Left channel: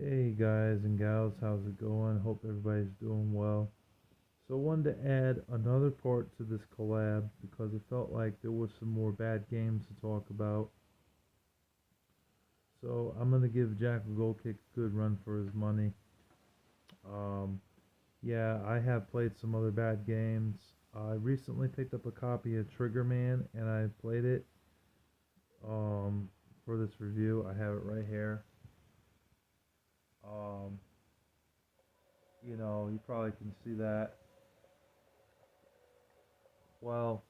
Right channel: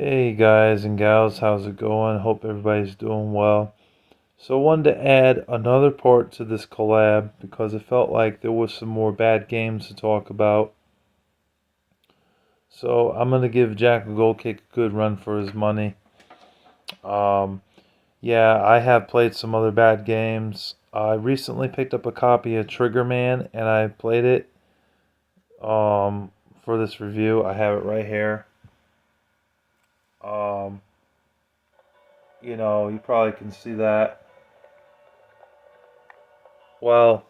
Hey guys and gals, how's it going? Hope everybody's doing well. So I wanted to add another part to this collab because it felt like there was some more bad games to talk about. So I'm gonna give jackalgoldkick a good run for his money. Um, yeah, I have played some other bad games. I recently picked up a copy of Trigger Man and I played it um, for this review. I have it right here. Um, you probably can see that. Well,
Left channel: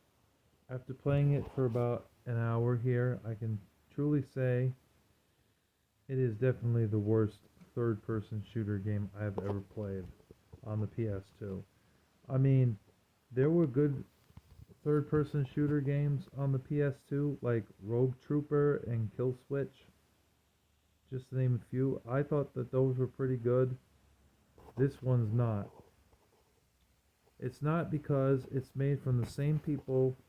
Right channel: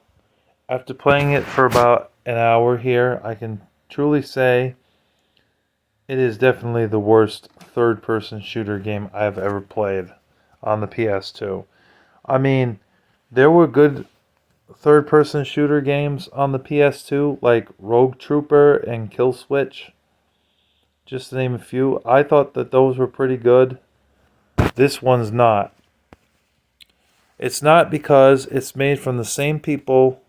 after playing it for about an hour here, I can truly say it is definitely the worst third person shooter game I've ever played on the PS2. I mean, there were good third person shooter games on the PS2, like Rogue Trooper and Kill Switch, just to name a few. I thought that those were pretty good. This one's not. It's not because it's made from the same people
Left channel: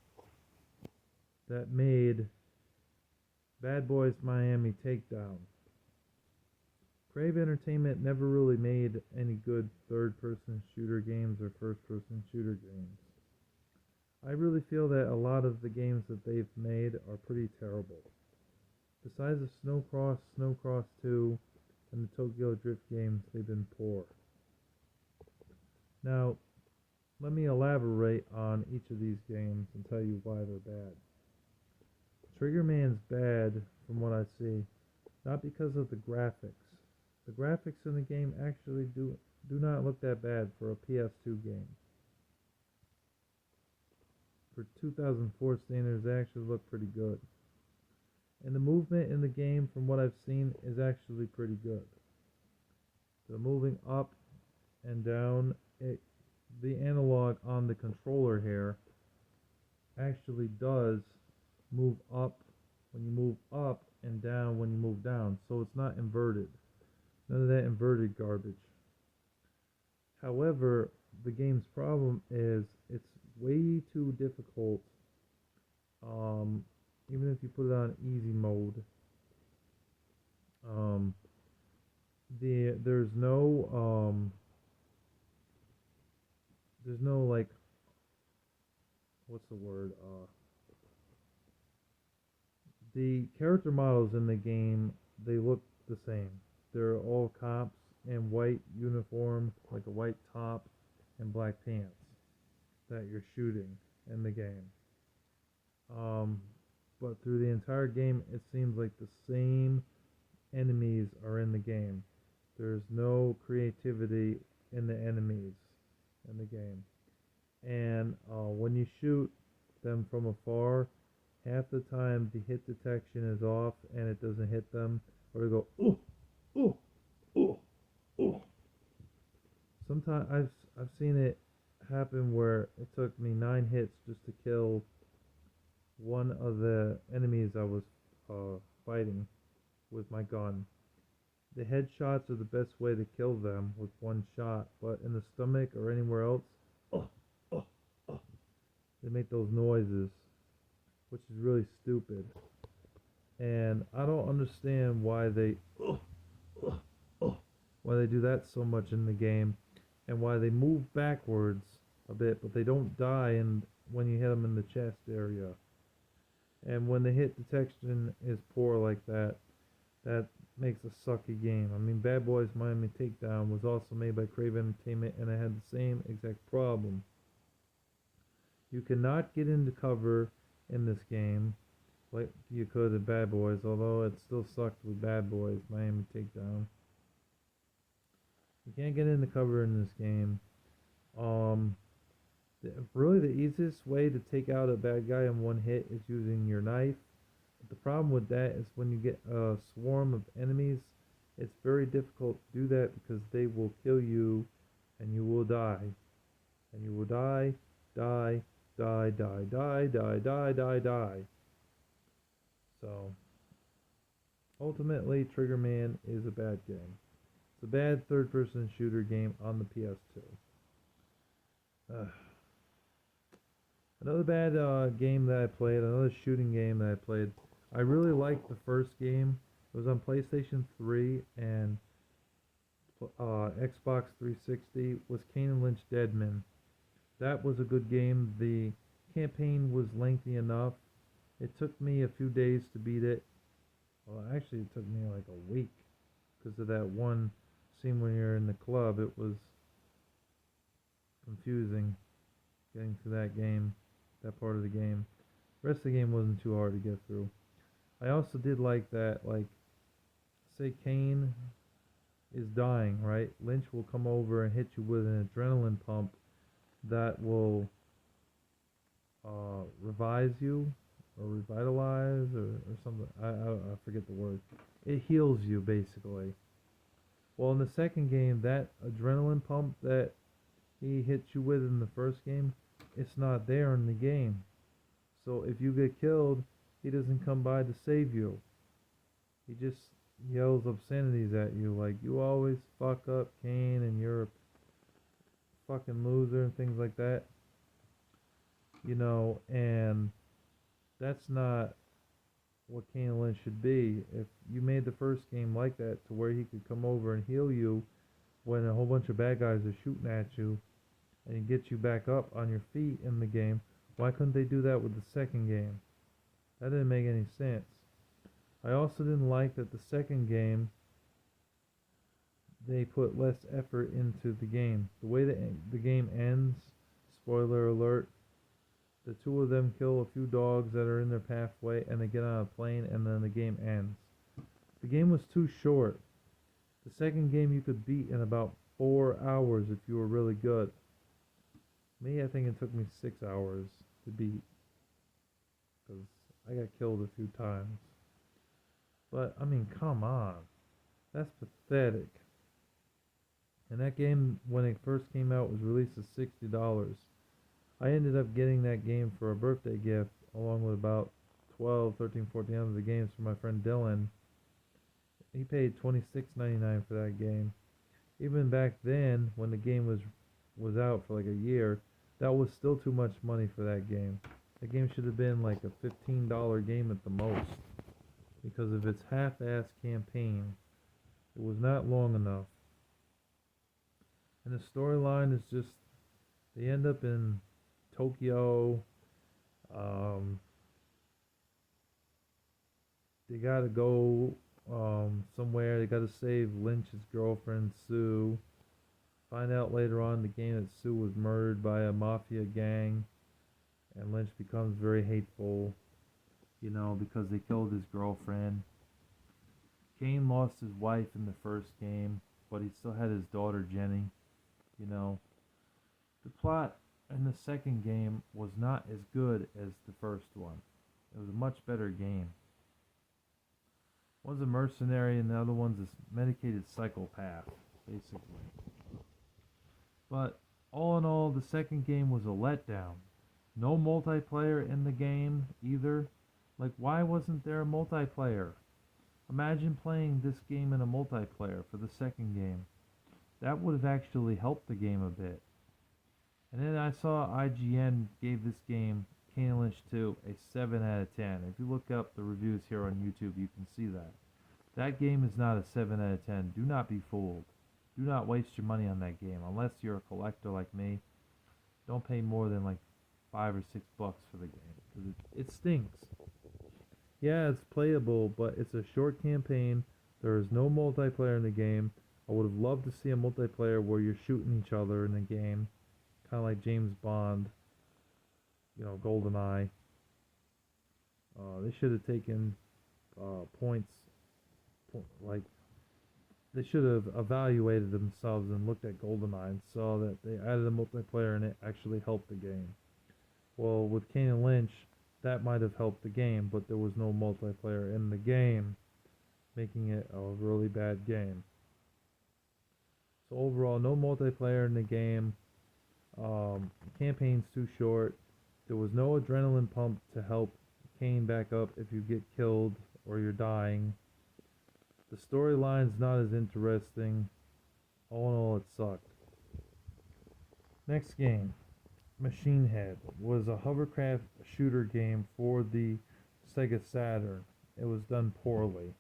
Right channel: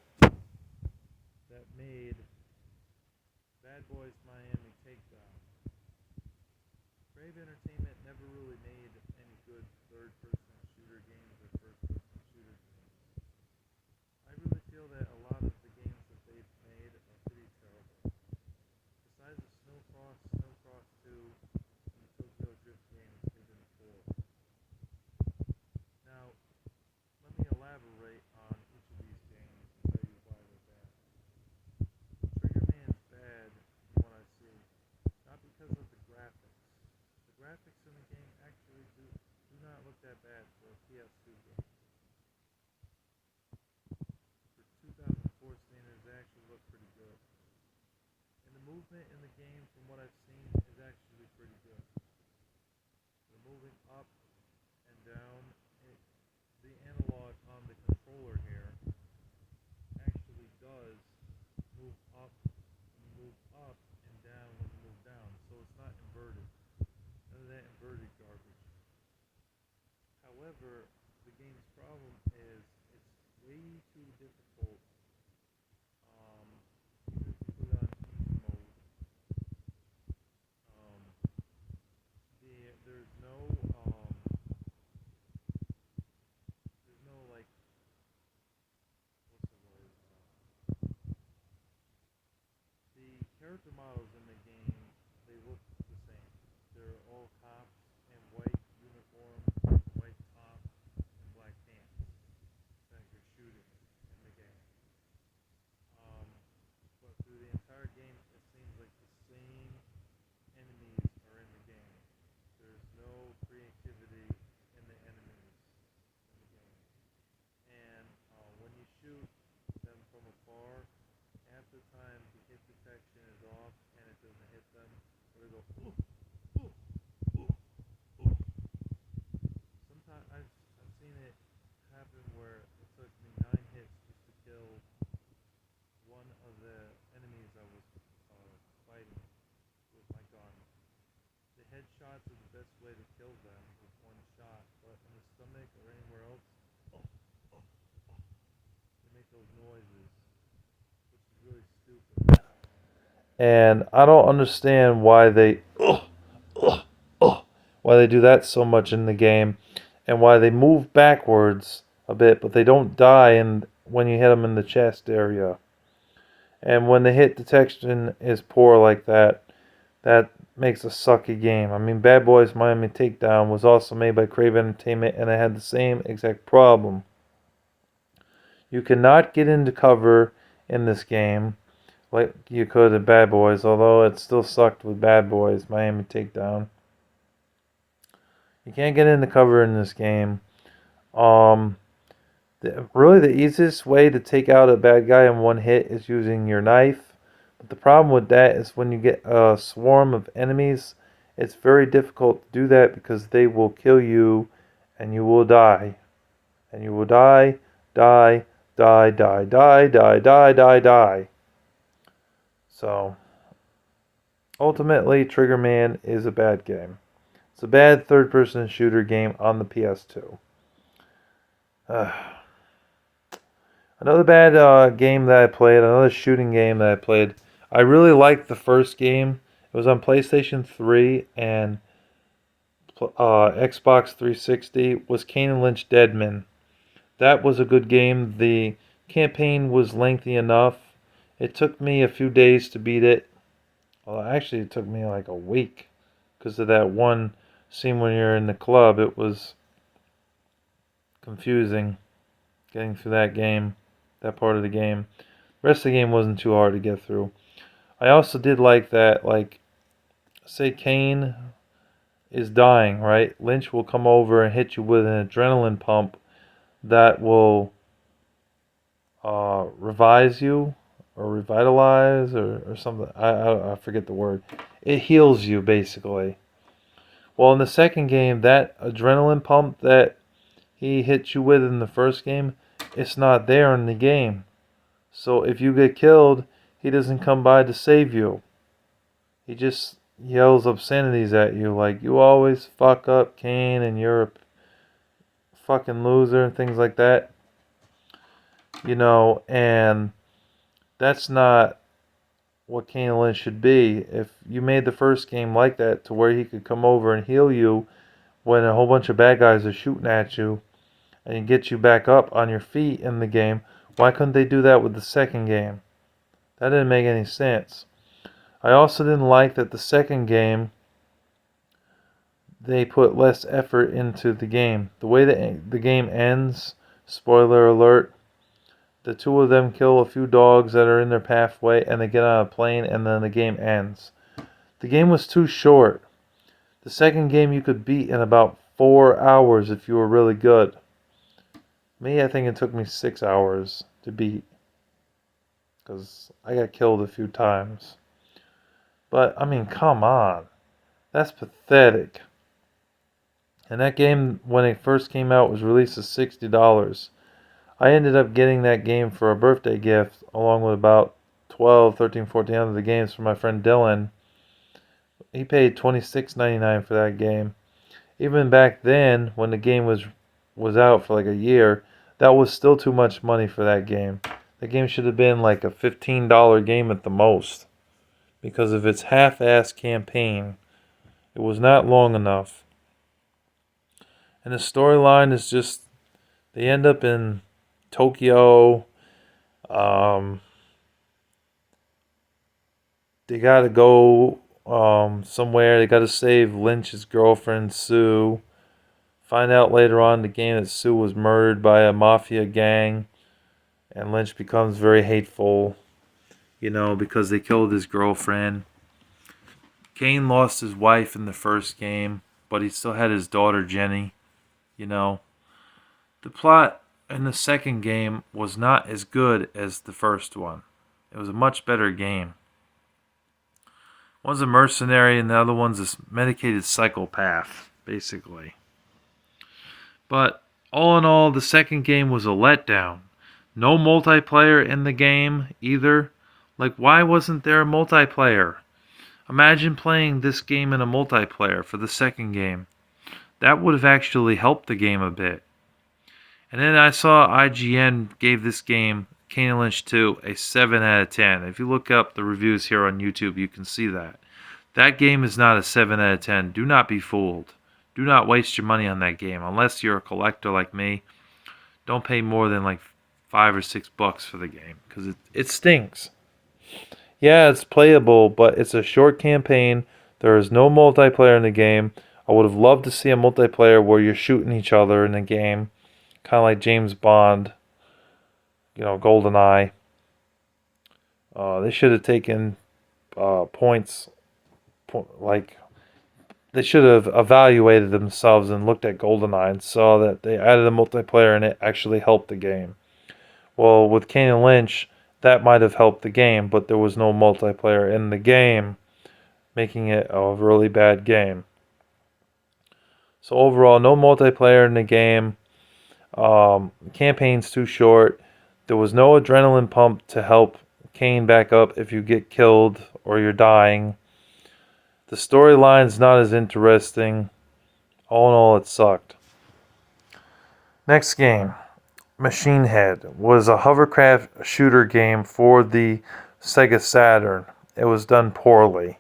that made Bad Boys Miami Takedown. Crave Entertainment never really made any good third-person shooter games or first-person shooter games. I really feel that a lot of the games that they've made are pretty terrible. Besides the Snow Cross 2, and the Tokyo Drift games, they've been poor. Now, let me elaborate on each of these games and tell you why they're bad. Trigger Man's bad from what I see, not because of the graphics. The graphics in the game actually do not look that bad for a PS2 game. For 2004 standards, they actually look pretty good. And the movement in the game, from what I've seen, is actually pretty good. So moving up and down, the analog on the controller here actually does move up when you move up and down when you move down. So it's not inverted. None of that inverted garbage. However, the game's problem is it's way too difficult. Even if you put it on easy mode, um, there's no like, what's the word? The character models in the game, they look the same. They're all cops in white uniform with a white top and black pants that you're shooting in the game. Um, but through the entire game, it seems like the same enemies are in the game. There's no creativity in the enemies in the game. And when you shoot them from afar, half the time the hit detection is off and it doesn't hit them, or they go, ooh, ooh, ooh, ooh. Sometimes I've seen it happen where it took me 9 hits just to kill one of the enemies I was fighting with my gun. The headshots are the best way to kill them with one shot, but in the stomach or anywhere else, oh, oh, oh, they make those noises, which is really stupid. And I don't understand why they do that so much in the game, and why they move backwards a bit, but they don't die and when you hit them in the chest area. And when the hit detection is poor like that, that makes a sucky game. I mean, Bad Boys Miami Takedown was also made by Crave Entertainment, and it had the same exact problem. You cannot get into cover in this game like you could in Bad Boys, although it still sucked with Bad Boys Miami Takedown. You can't get into cover in this game. Um, really, the easiest way to take out a bad guy in one hit is using your knife. But the problem with that is when you get a swarm of enemies, it's very difficult to do that because they will kill you and you will die. And you will die, die, die, die, die, die, die, die, die. So, ultimately, Trigger Man is a bad game. It's a bad third person shooter game on the PS2. Another bad game that I played, another shooting game that I played. I really liked the first game. It was on PlayStation 3, and Xbox 360 was Kane and Lynch Deadman. That was a good game. The campaign was lengthy enough. It took me a few days to beat it. Well, actually, it took me like a week because of that one scene when you're in the club. It was confusing getting through that game, that part of the game. The rest of the game wasn't too hard to get through. I also did like that, like, say Kane is dying, right? Lynch will come over and hit you with an adrenaline pump that will revise you or revitalize or something. I forget the word. It heals you, basically. Well, in the second game, that adrenaline pump that he hit you with in the first game, it's not there in the game. So if you get killed, he doesn't come by to save you. He just yells obscenities at you like, you always fuck up, Kane, and you're a fucking loser, and things like that. You know, and that's not what Kane and Lynch should be. If you made the first game like that to where he could come over and heal you when a whole bunch of bad guys are shooting at you and get you back up on your feet in the game, why couldn't they do that with the second game? That didn't make any sense. I also didn't like that the second game they put less effort into the game. The way the game ends, spoiler alert, the two of them kill a few dogs that are in their pathway and they get on a plane and then the game ends. The game was too short. The second game you could beat in about 4 hours if you were really good. Me, I think it took me 6 hours to beat because I got killed a few times. But, I mean, come on. That's pathetic. And that game, when it first came out, was released at $60. I ended up getting that game for a birthday gift, along with about 12, 13, 14 other games from my friend Dylan. He paid $26.99 for that game. Even back then, when the game was out for like a year, that was still too much money for that game. The game should have been like a $15 game at the most. Because of its half-assed campaign. It was not long enough. And the storyline is just, they end up in Tokyo. They gotta go somewhere. They gotta save Lynch's girlfriend, Sue. Find out later on in the game that Sue was murdered by a mafia gang. And Lynch becomes very hateful, you know, because they killed his girlfriend. Kane lost his wife in the first game, but he still had his daughter, Jenny, you know. The plot in the second game was not as good as the first one. It was a much better game. One's a mercenary and the other one's a medicated psychopath, basically. But all in all, the second game was a letdown. No multiplayer in the game either. Like, why wasn't there a multiplayer? Imagine playing this game in a multiplayer for the second game. That would have actually helped the game a bit. And then I saw IGN gave this game, Kane and Lynch 2, a 7 out of 10. If you look up the reviews here on YouTube, you can see that. That game is not a 7 out of 10. Do not be fooled. Do not waste your money on that game. Unless you're a collector like me, don't pay more than like $5 or $6 for the game. Because it stinks. Yeah, it's playable, but it's a short campaign. There is no multiplayer in the game. I would have loved to see a multiplayer where you're shooting each other in the game. Kind of like James Bond, you know, GoldenEye. They should have taken points, like, they should have evaluated themselves and looked at GoldenEye and saw that they added a multiplayer and it actually helped the game. Well, with Kane and Lynch, that might have helped the game, but there was no multiplayer in the game, making it a really bad game. So overall, no multiplayer in the game. Campaign's too short. There was no adrenaline pump to help Kane back up if you get killed or you're dying. The storyline's not as interesting. All in all, it sucked. Next game, Machine Head, was a hovercraft shooter game for the Sega Saturn. It was done poorly.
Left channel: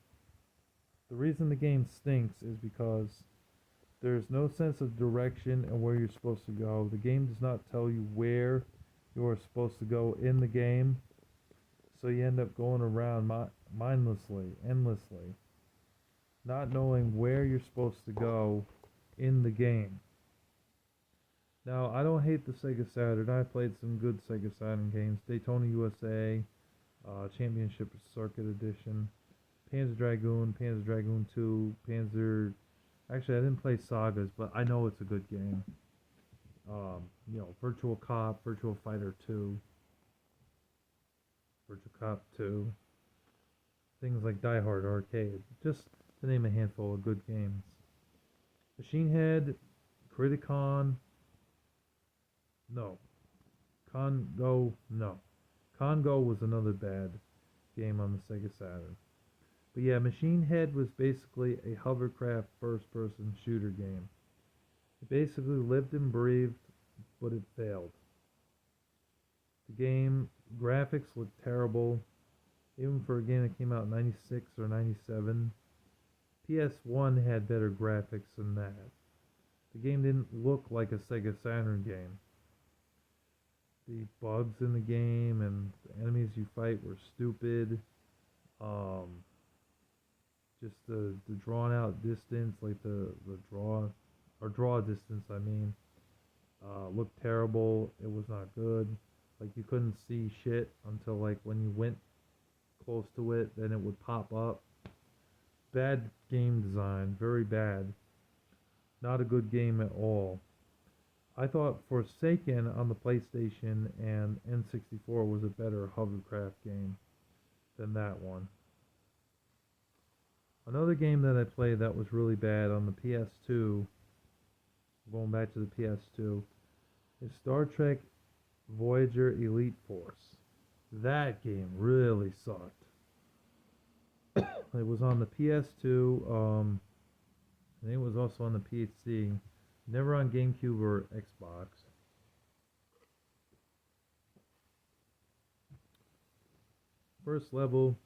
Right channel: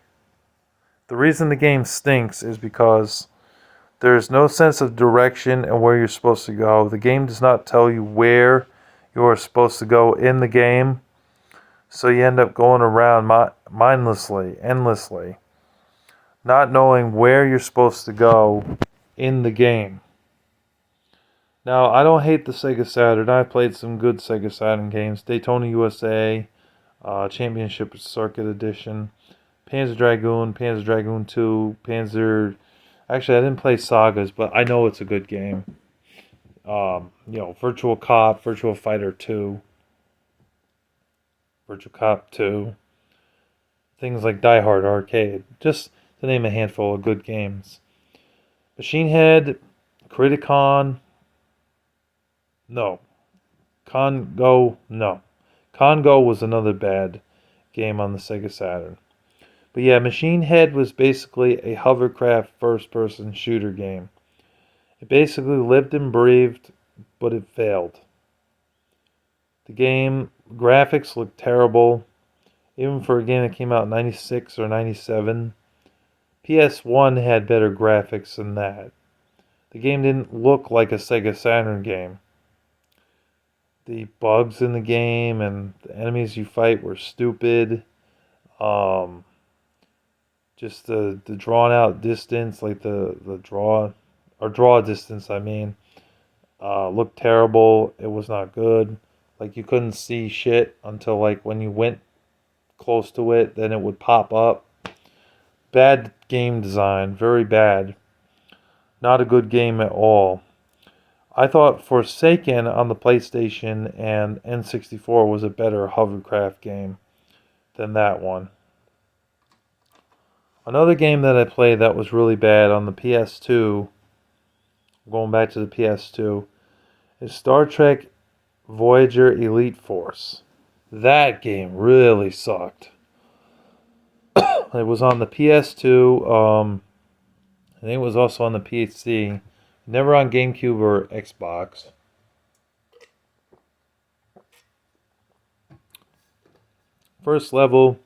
The reason the game stinks is because There's no sense of direction and where you're supposed to go. The game does not tell you where you are supposed to go in the game, so you end up going around mindlessly, endlessly, not knowing where you're supposed to go in the game. Now, I don't hate the Sega Saturn. I played some good Sega Saturn games. Daytona USA, Championship Circuit Edition, Panzer Dragoon, Panzer Dragoon 2, Panzer... Actually, I didn't play Sagas, but I know it's a good game. Virtual Cop, Virtual Fighter 2, Virtual Cop 2, things like Die Hard Arcade, just to name a handful of good games. Machine Head, Criticon, no. Congo, no. Congo was another bad game on the Sega Saturn. But yeah, Machine Head was basically a hovercraft first-person shooter game. It basically lived and breathed, but it failed. The game graphics looked terrible, even for a game that came out in 96 or 97. PS1 had better graphics than that. The game didn't look like a Sega Saturn game. The bugs in the game and the enemies you fight were stupid. Just the drawn out distance, like the draw distance, I mean, looked terrible. It was not good. Like you couldn't see shit until like when you went close to it, then it would pop up. Bad game design, very bad. Not a good game at all. I thought Forsaken on the PlayStation and N64 was a better hovercraft game than that one. Another game that I played that was really bad on the PS2, going back to the PS2, is Star Trek Voyager Elite Force. That game really sucked. It was on the PS2. I think it was also on the PC. Never on GameCube or Xbox. First level,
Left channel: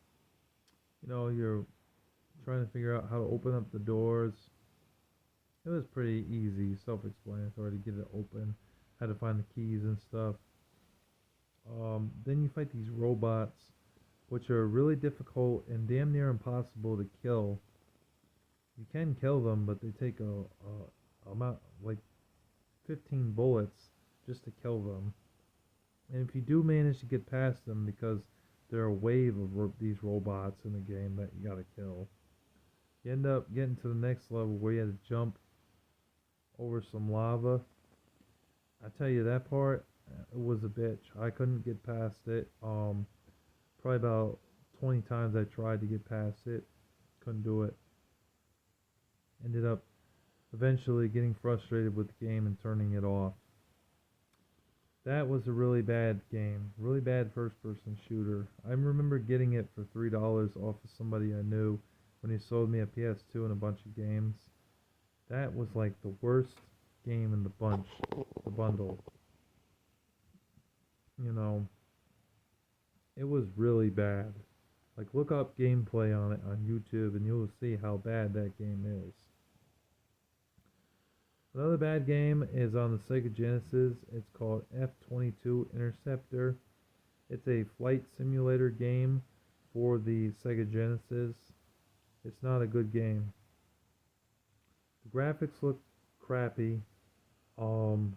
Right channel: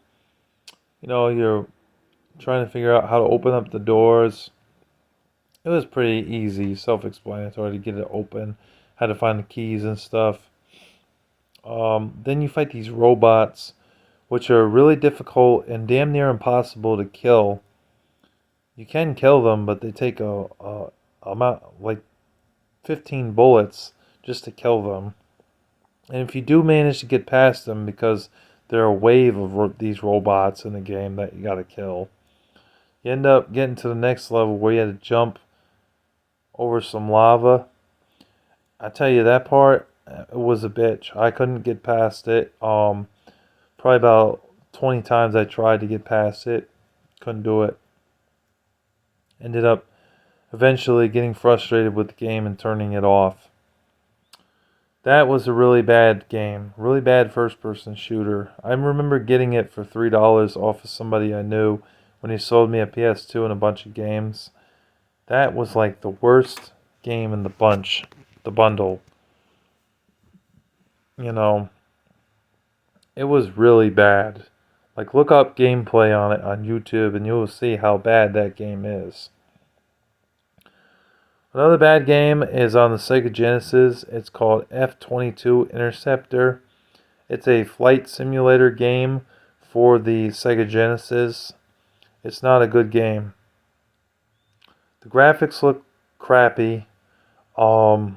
you're trying to figure out how to open up the doors. It was pretty easy, self-explanatory to get it open, how to find the keys and stuff. Then you fight these robots, which are really difficult and damn near impossible to kill. You can kill them, but they take a amount like 15 bullets just to kill them. And if you do manage to get past them, because there are a wave of these robots in the game that you gotta kill, you end up getting to the next level where you had to jump over some lava. I tell you, that part, it was a bitch. I couldn't get past it. Probably about 20 times I tried to get past it. Couldn't do it. Ended up eventually getting frustrated with the game and turning it off. That was a really bad game. Really bad first-person shooter. I remember getting it for $3 off of somebody I knew when he sold me a PS2 and a bunch of games. That was like the worst game in the bundle. It was really bad. Like, look up gameplay on it on YouTube and you will see how bad that game is. Another bad game is on the Sega Genesis. It's called F-22 Interceptor. It's a flight simulator game for the Sega Genesis. It's not a good game. The graphics look crappy. The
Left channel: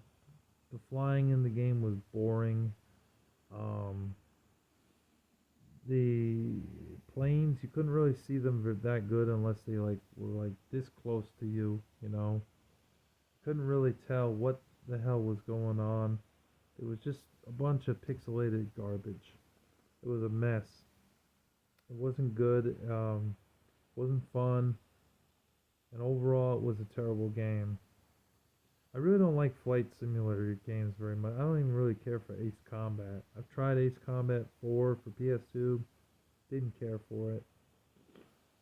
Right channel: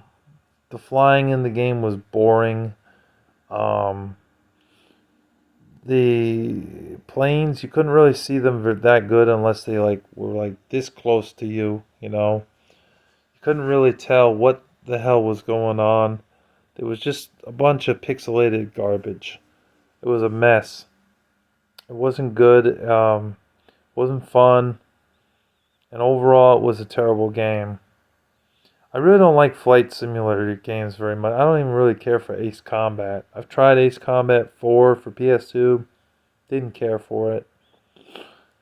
flying in the game was boring. The planes, you couldn't really see them that good unless they were this close to you, You couldn't really tell what the hell was going on. It was just a bunch of pixelated garbage. It was a mess. It wasn't good. Wasn't fun. And overall, it was a terrible game. I really don't like flight simulator games very much. I don't even really care for Ace Combat. I've tried Ace Combat 4 for PS2. Didn't care for it.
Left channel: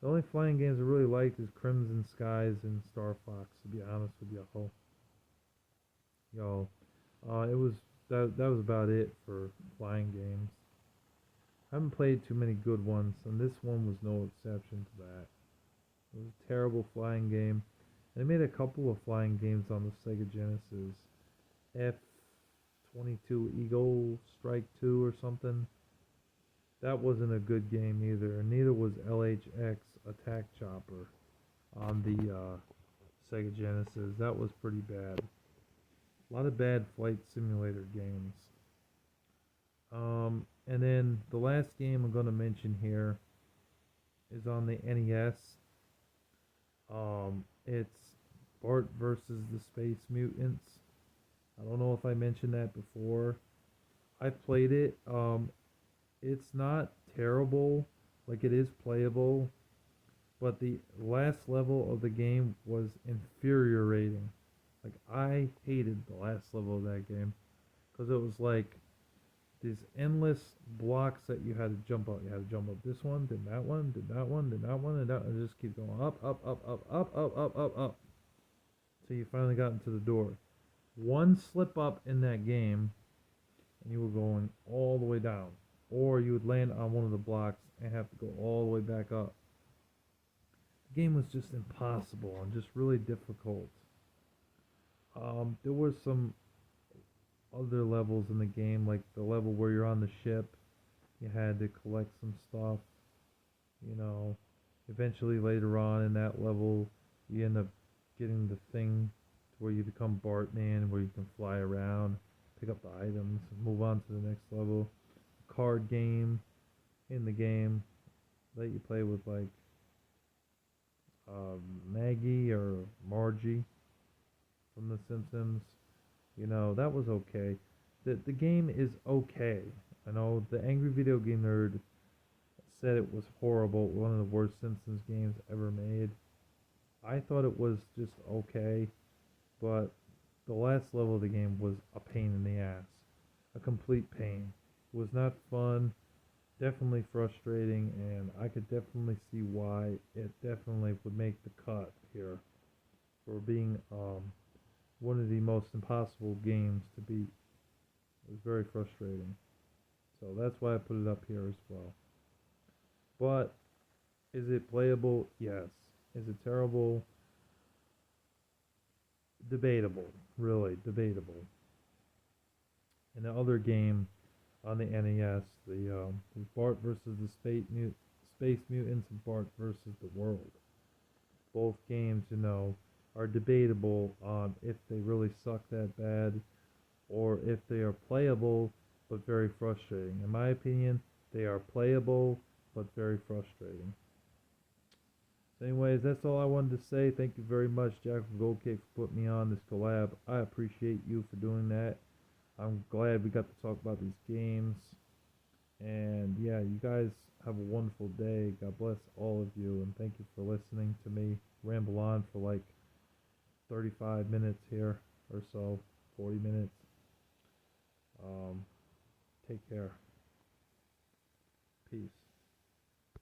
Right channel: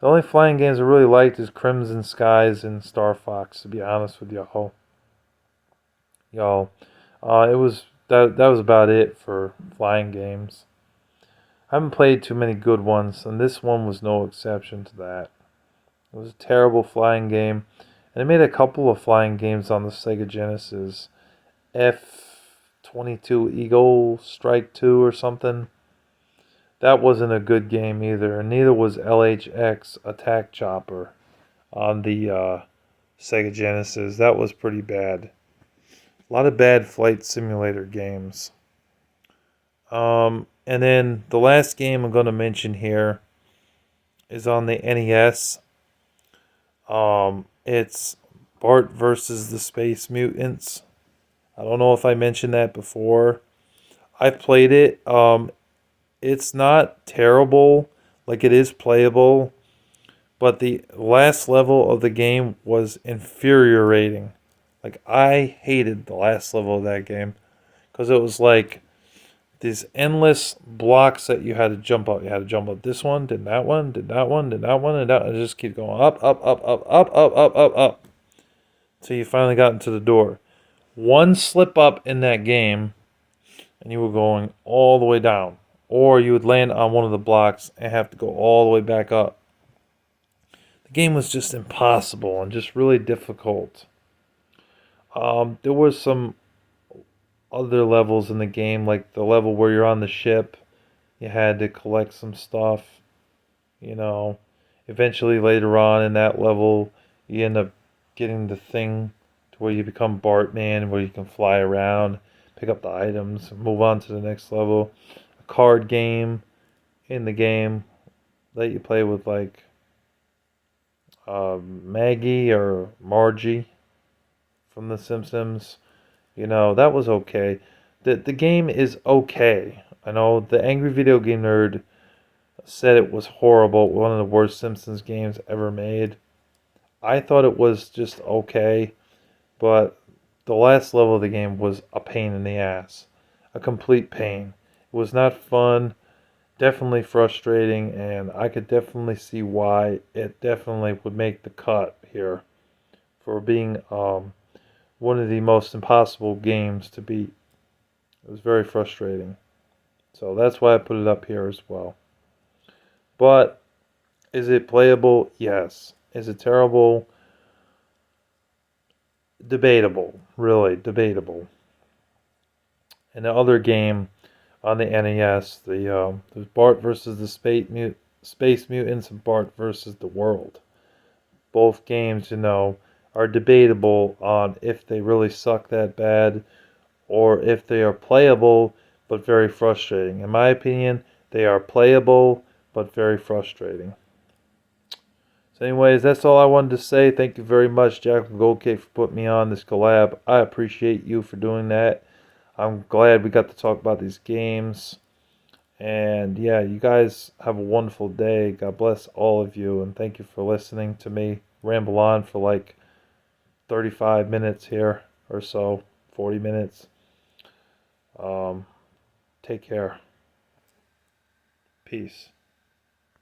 The only flying games I really liked is Crimson Skies and Star Fox, to be honest with y'all. It was that was about it for flying games. I haven't played too many good ones, and this one was no exception to that. It was a terrible flying game. And they made a couple of flying games on the Sega Genesis. F-22 Eagle Strike 2 or something. That wasn't a good game either. And neither was LHX Attack Chopper on the Sega Genesis. That was pretty bad. A lot of bad flight simulator games. And then the last game I'm going to mention here is on the NES. It's Bart versus the Space Mutants. I don't know if I mentioned that before. I played it. It's not terrible. Like, it is playable. But the last level of the game was infuriating. Like, I hated the last level of that game. Because it was like these endless blocks that you had to jump up. You had to jump up this one, then that one, then that one, then that one, and that. And it just keep going up, up, up, up, up, up, up, up, up. So you finally got into the door. One slip up in that game, and you were going all the way down. Or you would land on one of the blocks and have to go all the way back up. The game was just impossible and just really difficult. There was some other levels in the game, like the level where you're on the ship. You had to collect some stuff, you know. Eventually, later on in that level, you end up getting the thing to where you become Bartman, where you can fly around, pick up the items, move on to the next level. A card game in the game that you play with, like Maggie or Margie from The Simpsons. You know, that was okay. The game is okay. I know the Angry Video Game Nerd said it was horrible, one of the worst Simpsons games ever made. I thought it was just okay, but the last level of the game was a pain in the ass. A complete pain. It was not fun, definitely frustrating, and I could definitely see why it definitely would make the cut here for being one of the most impossible games to beat. It was very frustrating. So that's why I put it up here as well. But is it playable? Yes. Is it terrible? Debatable. Really, debatable. And the other game on the NES, there's Bart versus the Space Mutants and Bart versus the World. Both games, you know, are debatable on if they really suck that bad or if they are playable but very frustrating. In my opinion, they are playable but very frustrating. So anyways, that's all I wanted to say. Thank you very much, jackalgoldkick, for putting me on this collab. I appreciate you for doing that. I'm glad we got to talk about these games. And yeah, you guys have a wonderful day. God bless all of you. And thank you for listening to me ramble on for like 35 minutes here or so, 40 minutes. Um, Take care. Peace.